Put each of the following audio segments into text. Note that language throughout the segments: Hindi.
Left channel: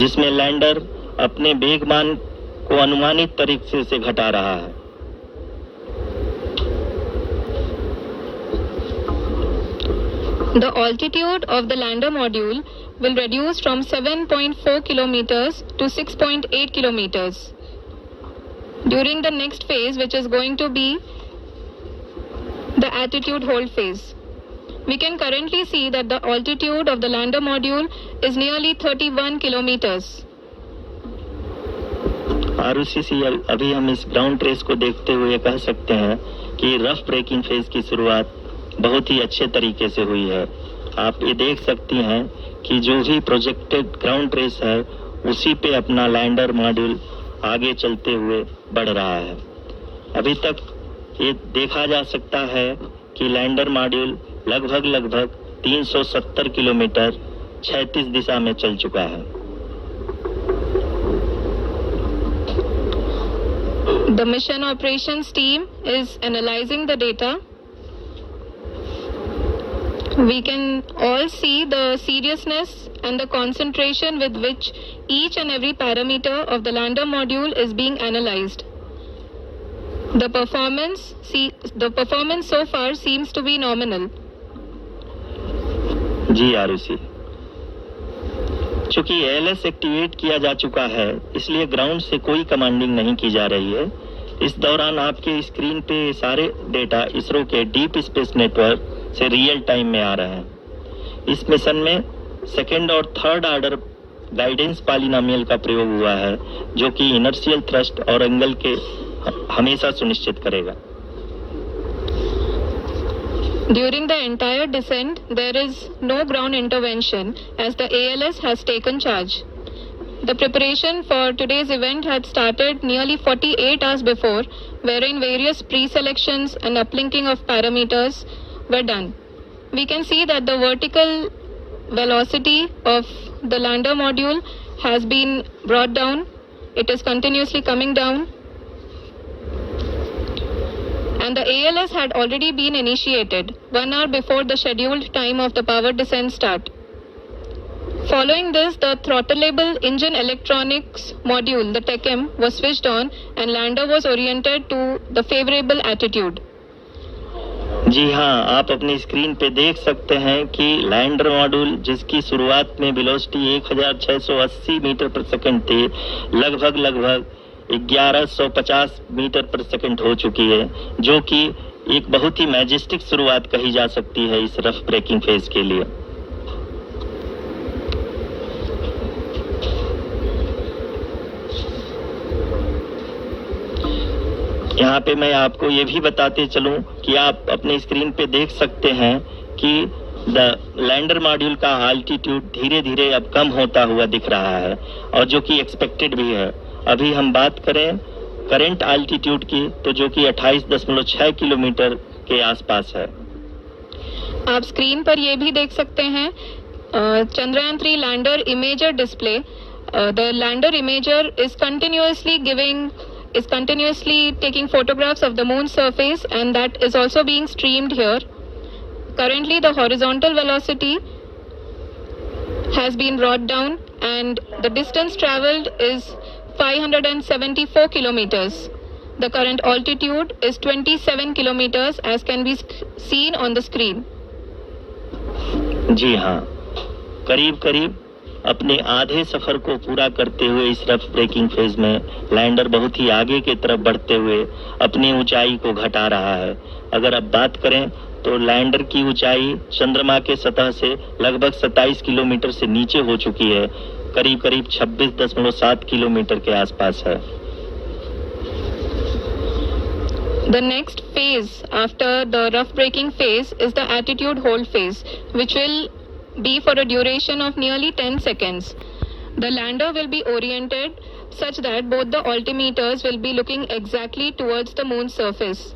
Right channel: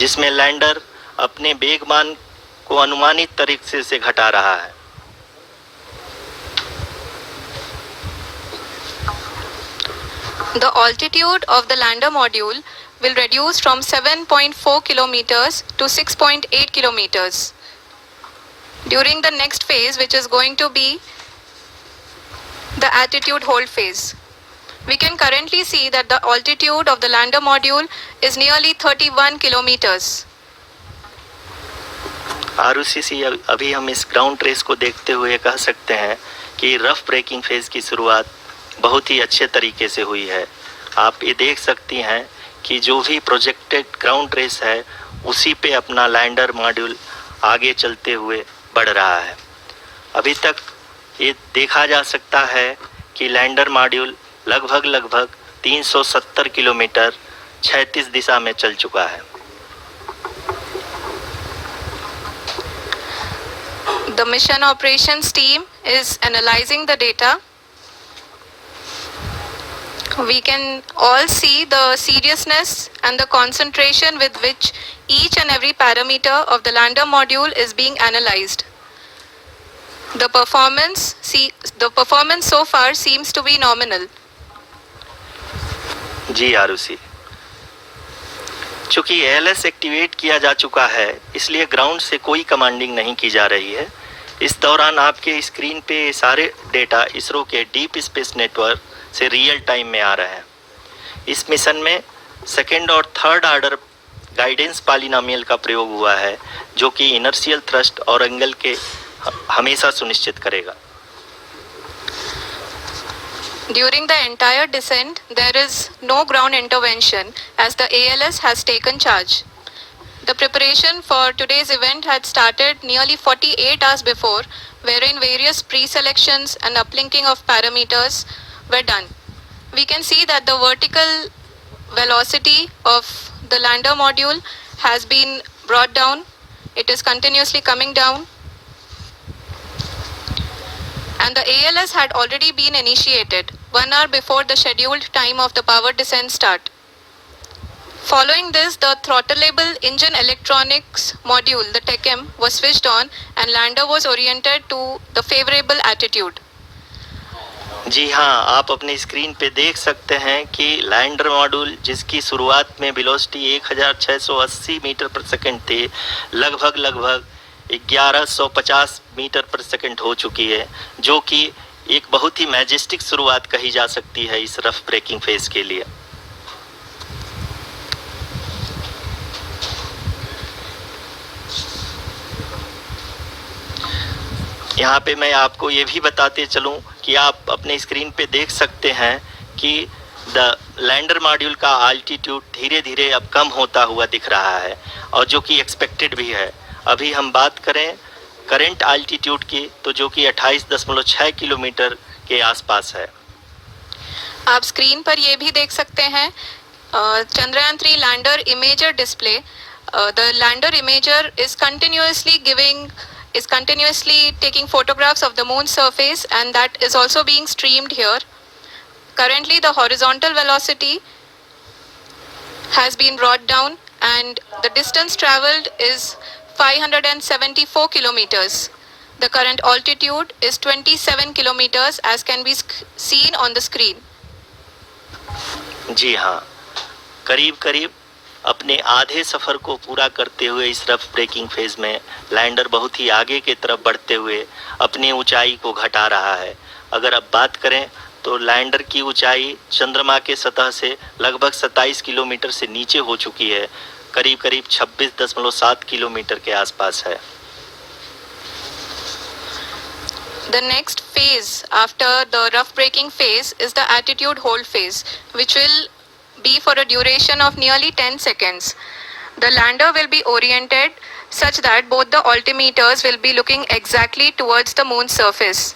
जिसमें लैंडर अपने वेगमान को अनुमानित तरीके से घटा रहा है। The altitude of the lander module will reduce from 7.4 kilometers to 6.8 kilometers during the next phase, which is going to be the attitude hold phase. We can currently see that the altitude of the lander module is nearly 31 kilometers. ROCC अभी हम इस ग्राउंड ट्रेस को देखते हुए कह सकते हैं कि रफ ब्रेकिंग फेज की शुरुआत बहुत ही अच्छे तरीके से हुई है। आप ये देख सकती हैं कि जो भी प्रोजेक्टेड ग्राउंड ट्रेस है उसी पे अपना लैंडर मॉड्यूल आगे चलते हुए बढ़ रहा है। अभी तक ये देखा जा सकता है कि लैंडर मॉड्यूल लगभग 370 किलोमीटर क्षैतिज दिशा में चल चुका है। The mission operations team is analyzing the data. We can all see the seriousness and the concentration with which each and every parameter of the lander module is being analyzed. The performance so far seems to be nominal. जी आरुषि, चूंकि ALS एक्टिवेट किया जा चुका है इसलिए ग्राउंड से कोई कमांडिंग नहीं की जा रही है। इस दौरान आपके स्क्रीन पे सारे डेटा इसरो के डीप स्पेस नेटवर्क से रियल टाइम में आ रहे हैं। इस मिशन में सेकेंड और थर्ड ऑर्डर गाइडेंस पॉलिनोमियल का प्रयोग हुआ है जो कि इनर्शियल थ्रस्ट और एंगल के हमेशा सुनिश्चित करेगा। During the entire descent, there is no ground intervention as the ALS has taken charge. The preparation for today's event had started nearly 48 hours before, wherein various pre-selections and uplinking of parameters were done. We can see that the vertical velocity of the lander module has been brought down. It is continuously coming down. And the ALS had already been initiated 1 hour before the scheduled time of the power descent start. Following this, the throttleable engine electronics module, the TECM, was switched on and lander was oriented to the favorable attitude. जी हाँ, आप अपनी स्क्रीन पे देख सकते हैं कि लैंडर मॉड्यूल जिसकी शुरुआत में वेलोसिटी 1680 मीटर पर सेकंड थी, लगभग 1150 मीटर पर सेकंड हो चुकी है, जो कि एक बहुत ही मैजेस्टिक शुरुआत कही जा सकती है इस रफ ब्रेकिंग फेज के लिए। यहाँ पे मैं आपको ये भी बताते चलूं कि आप अपने स्क्रीन पे देख सकते हैं कि द लैंडर मॉड्यूल का आल्टीट्यूड धीरे धीरे अब कम होता हुआ दिख रहा है और जो कि एक्सपेक्टेड भी है। अभी हम बात करें करंट आल्टीट्यूड की तो जो कि 28.6 किलोमीटर के आसपास है। आप स्क्रीन पर ये भी देख सकते हैं Chandrayaan 3 lander imager display. The lander imager is continuously taking photographs of the moon surface, and that is also being streamed here. Currently the horizontal velocity has been brought down and the distance traveled is 574 kilometers. The current altitude is 27 kilometers as can be seen on the screen. जी हाँ, करीब अपने आधे सफर को पूरा करते हुए इस रफ ब्रेकिंग फेज में लैंडर बहुत ही आगे की तरफ बढ़ते हुए अपनी ऊंचाई को घटा रहा है। अगर अब बात करें तो लैंडर की ऊंचाई चंद्रमा के सतह से लगभग 27 किलोमीटर से नीचे हो चुकी है, करीब 26.7 किलोमीटर के आसपास है। The next phase after the rough braking phase is the attitude hold phase, which will be for a duration of nearly 10 seconds. The lander will be oriented such that both the altimeters will be looking exactly towards the moon's surface.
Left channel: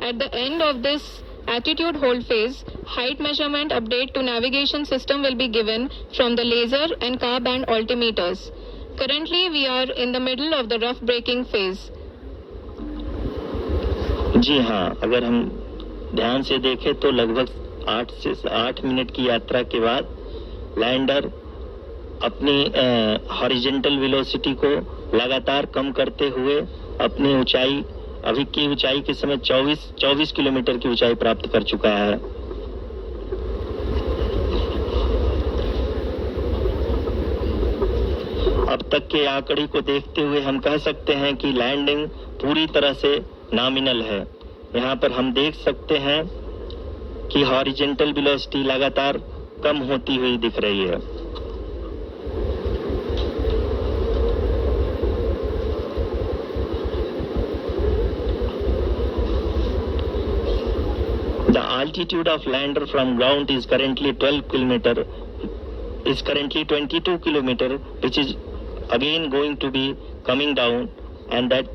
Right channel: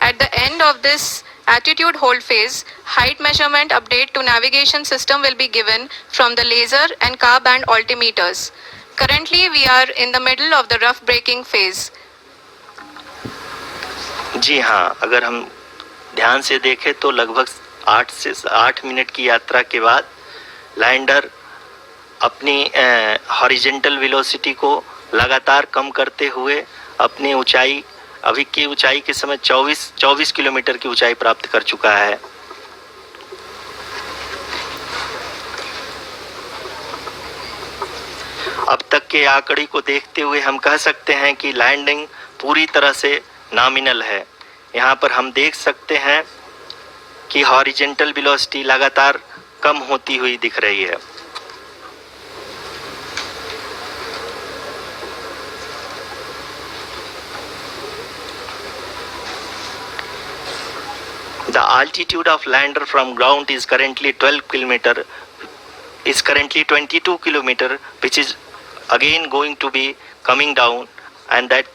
At the end of this attitude hold phase, height measurement update to navigation system will be given from the laser and car band altimeters. Currently we are in the middle of the rough braking phase. जी हाँ, अगर हम ध्यान से देखें तो लगभग 8 मिनट की यात्रा के बाद लैंडर अपनी हॉरिजेंटल वेलोसिटी को लगातार कम करते हुए अपनी ऊंचाई, अभी की ऊंचाई के समय 24 किलोमीटर की ऊंचाई प्राप्त कर चुका है। अब तक के आंकड़े को देखते हुए हम कह सकते हैं कि लैंडिंग पूरी तरह से नॉमिनल है। यहाँ पर हम देख सकते हैं कि हॉरिजेंटल वेलोसिटी लगातार कम होती हुई दिख रही है। The altitude of lander from ground is currently 22 kilometer, which is again going to be coming down, and that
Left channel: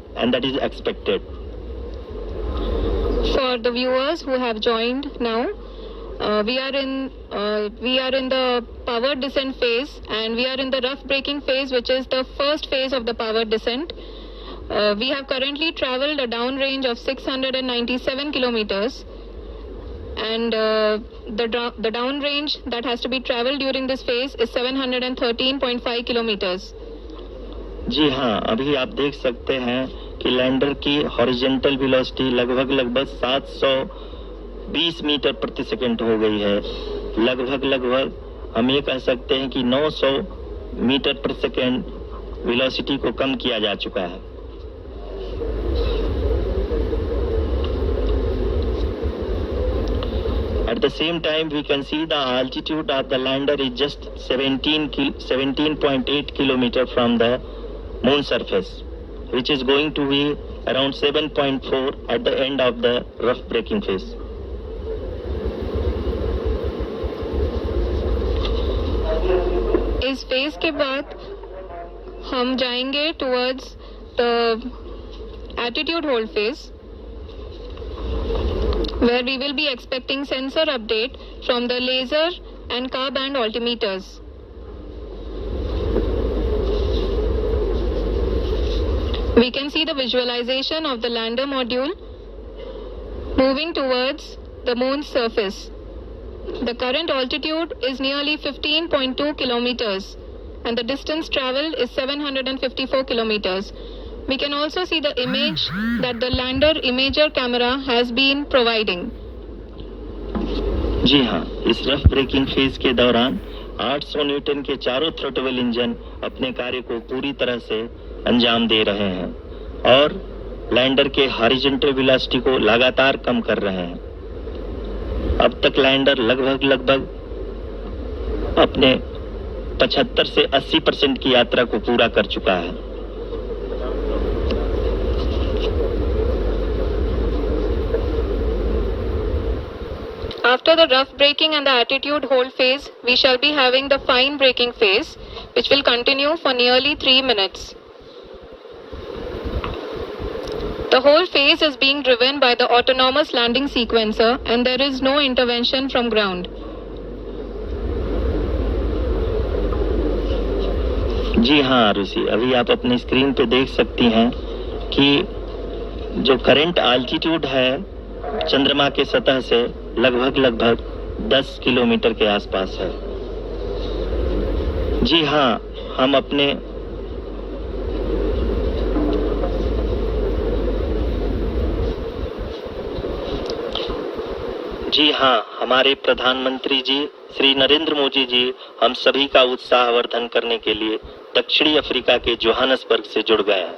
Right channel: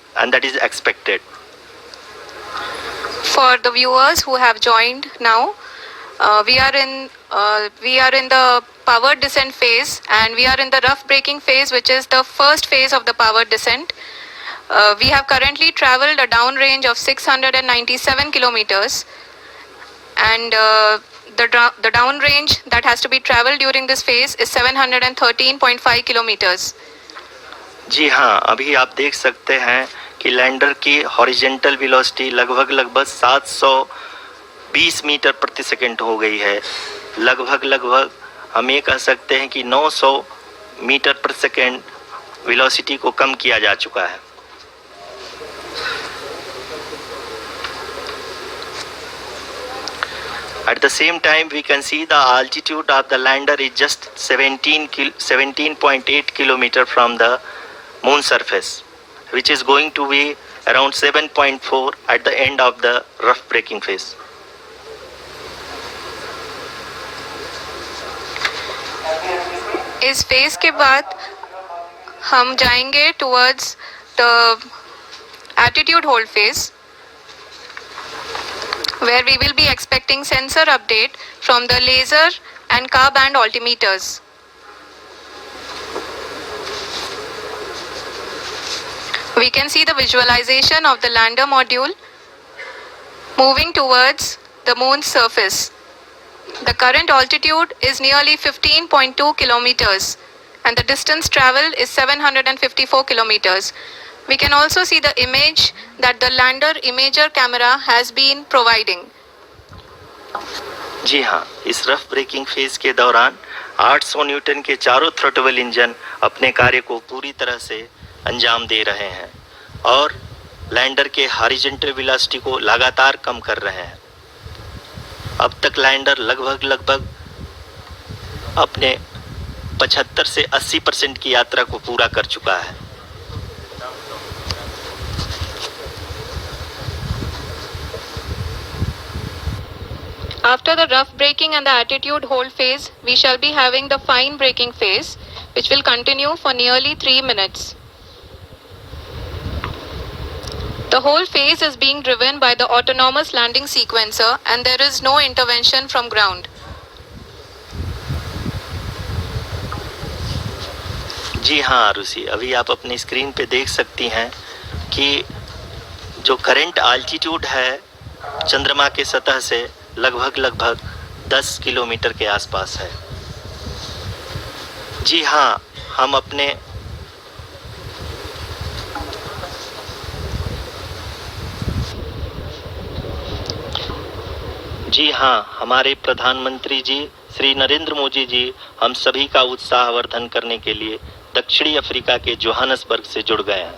is expected. For the viewers who have joined now, we are in the powered descent phase, and we are in the rough braking phase, which is the first phase of the powered descent. We have currently traveled a downrange of 697 kilometers, and the downrange that has to be traveled during this phase is 713.5 kilometers. जी हाँ, अभी आप देख सकते हैं कि लैंडर की हॉरिजेंटल वेलोसिटी लगभग 720 मीटर प्रति सेकंड हो गई है। लगभग हम ये कह सकते हैं कि 900 मीटर प्रति सेकंड वेलोसिटी को कम किया जा चुका है। At the same time, we can see the altitude of the lander is just 17.8 kilometer from the moon surface, which is going to be around 7.4 at the end of the rough braking phase. इस फेज के बाद हम जाएंगे towards the attitude hold phase, where we will be expecting sensor update from the laser and car band altimeters. We can see the visualization of the lander module moving towards the moon's surface. The current altitude is nearly 15.2 kilometers, and the distance traveled is 754 kilometers. We can also see the image that the lander imager camera has been providing. जी हाँ, इस रफ ब्रेकिंग फेज के दौरान 800 न्यूटन के चारों थ्रॉटल इंजन अपने कार्य को पूरी तरह से अंजाम दे रहे हैं और लैंडर के हॉरिजॉन्टल वेलोसिटी को लगातार कम कर रहे हैं। अब तक लैंडर लगभग अपने 75 से 80% की यात्रा को पूरा कर चुका है। After the rough braking and the attitude hold phase, we shall be having the fine braking phase, which will continue for nearly 3 minutes. The whole phase is being driven by the autonomous landing sequencer, and there is no intervention from ground. जी हाँ आरुषि, अभी आप अपनी स्क्रीन पे देख सकती हैं कि जो करंट आल्टीट्यूड है चंद्रमा के सतह से लगभग 10 किलोमीटर के आसपास है। जी हाँ, हम अपने हमारे प्रधानमंत्री जी श्री नरेंद्र मोदी जी हम सभी का उत्साहवर्धन करने के लिए दक्षिणी अफ्रीका के जोहानसबर्ग से जुड़ गए हैं।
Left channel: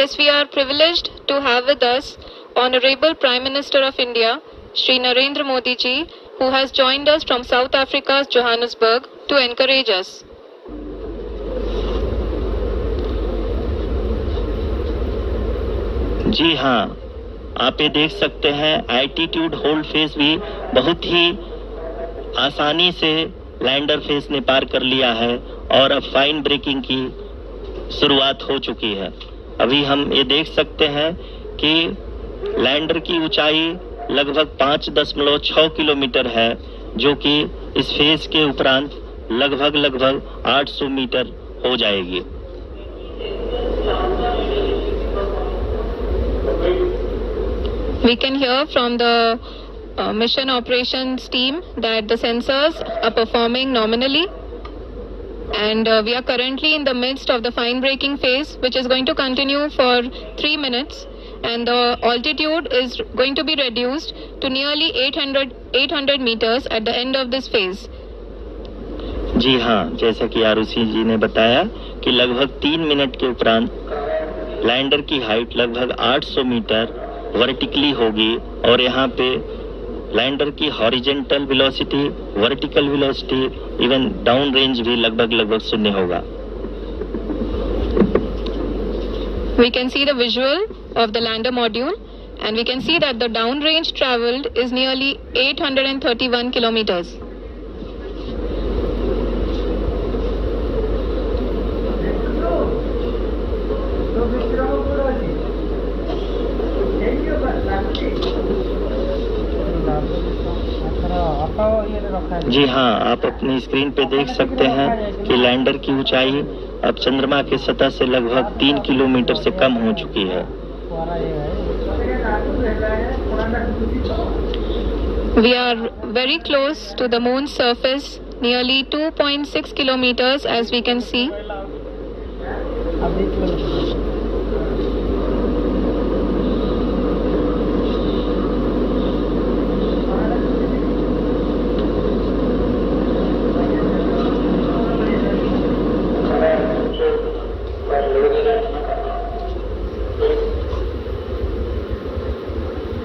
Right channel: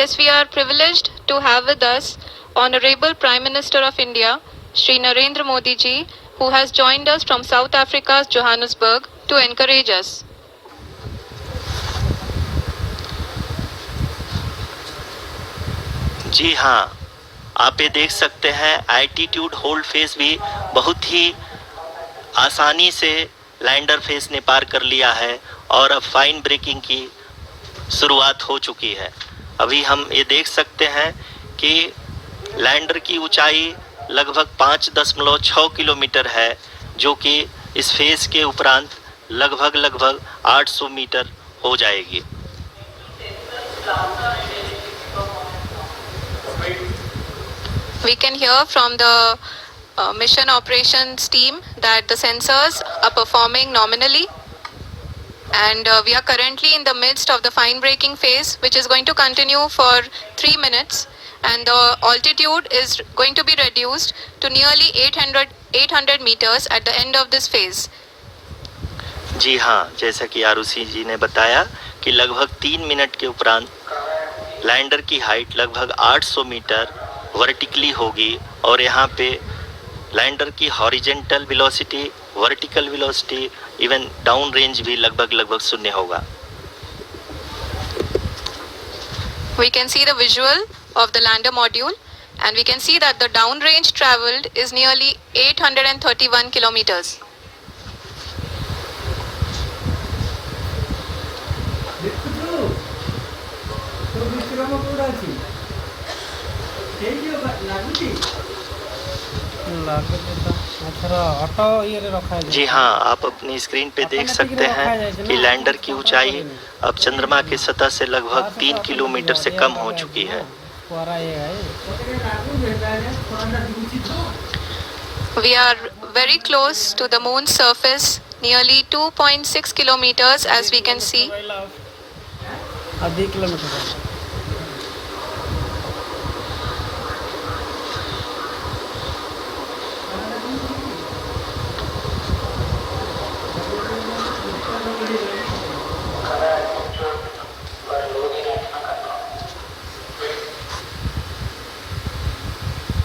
Yes, we are privileged to have with us Honorable Prime Minister of India, Shri Narendra Modi ji, who has joined us from South Africa's Johannesburg to encourage us. जी हाँ, आप ये देख सकते हैं एल्टीट्यूड होल्ड फेज भी बहुत ही आसानी से लैंडर फेज ने पार कर लिया है और अब फाइन ब्रेकिंग की शुरुआत हो चुकी है। अभी हम ये देख सकते हैं कि लैंडर की ऊंचाई लगभग 5.6 किलोमीटर है, जो कि इस फेज के उपरांत लगभग 800 मीटर हो जाएगी। We can hear from the mission operations team that the sensors are performing nominally, and we are currently in the midst of the fine braking phase, which is going to continue for 3 minutes, and the altitude is going to be reduced to nearly 800 meters at the end of this phase. जी हाँ, जैसा कि आरुषि जी ने बताया कि लगभग 3 मिनट के उपरांत लैंडर की हाइट लगभग 800 मीटर वर्टिकली होगी और यहाँ पे लैंडर की horizontal velocity, vertical velocity, even down range भी लगभग शून्य होगा। We can see the visual of the lander module, and we can see that the down range traveled is nearly 831 kilometers. जी हाँ, आप अपनी स्क्रीन पे देख सकते हैं कि लैंडर की ऊंचाई अब चंद्रमा के सतह से लगभग 3 किलोमीटर से कम हो चुकी है। We are very close to the moon's surface, nearly 2.6 kilometers, as we can see.